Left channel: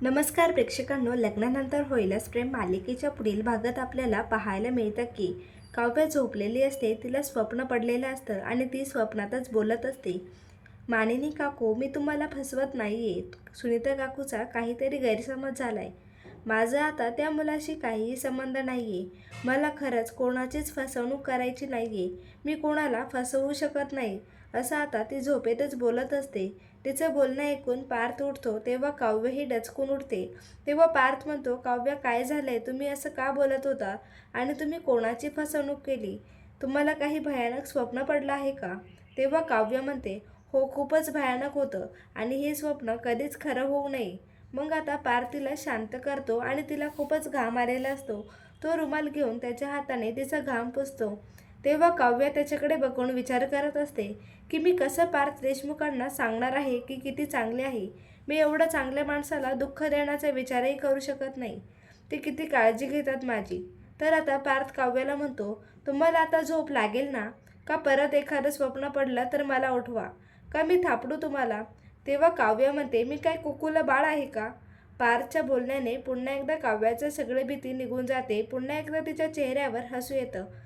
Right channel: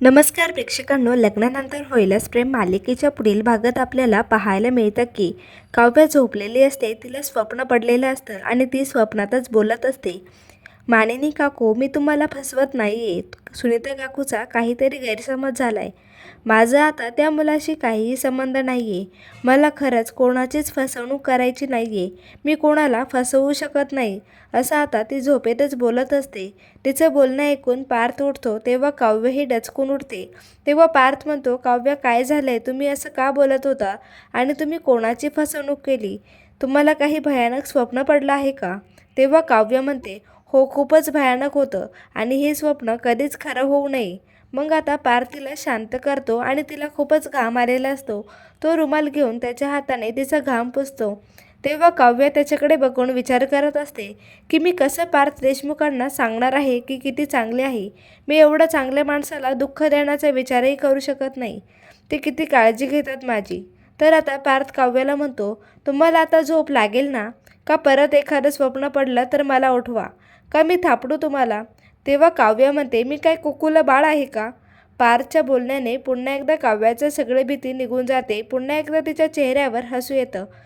नमस्कार प्रेक्षकांनो लग्नानंतर होईलच प्रेम मालिकेच्या पुढील भागात आपल्याला पाहायला मिळतं की काव्य झोपलेली असते तिला स्वप्न पडलेलं असतं आणि ती स्वप्नातच बोलत असते. मानिनी काकू मी तुम्हाला फसवत नाही आहे सुनीता काकूचा काहीतरी गैरसमज झाला आहे माझं आता त्या मुलाशी काहीही संबंध नाही आहे मला खरंच कोणाचीच फसवणूक करायची नाही आहे मी कोणाला फसवू शकत नाही असं आता ती झोपेतच बोलत असते. तिचं बोलणं ऐकून पार्थ उठतो तेव्हा काव्यही डचकून उठते. तेव्हा पार्थ म्हणतो काव्य काय झालं आहे तुम्ही असं का बोलत होता? आणि तुम्ही कोणाची फसवणूक केली? तुम्हाला काही भयानक स्वप्न पडलं आहे का? तेव्हा काव्य म्हणते हो खूपच भयानक होतं. आणि हे स्वप्न कधीच खरं होऊ नये. मग आता पार्थ तिला शांत करतो आणि तिला खूपच घाम आलेला असतो. तो रुमाल घेऊन त्याच्या हाताने तिचा घाम पुसतो. तेव्हा काव्य त्याच्याकडे बघून विचार करत असते की मी कसं पार्थ देशमुखांना सांगणार आहे की किती चांगले आहे? मी एवढं चांगल्या माणसाला दुःख देण्याचा विचारही करू शकत नाही. ते किती काळजी घेतात माझी. तर आता पार्थ काव्याला म्हणतो तुम्हाला आता झोप लागेल ना? का परत एखादं स्वप्न पडलं तर मला उठवा? का मी थापडू तुम्हाला? तेव्हा काव्य म्हणते मी काय कुकूला बाळ आहे का? पारच्या बोलण्याने पुन्हा एकदा काव्याचं सगळे भीती निघून जाते. पुन्हा एकदा तिच्या चेहऱ्यावर हसू येतं.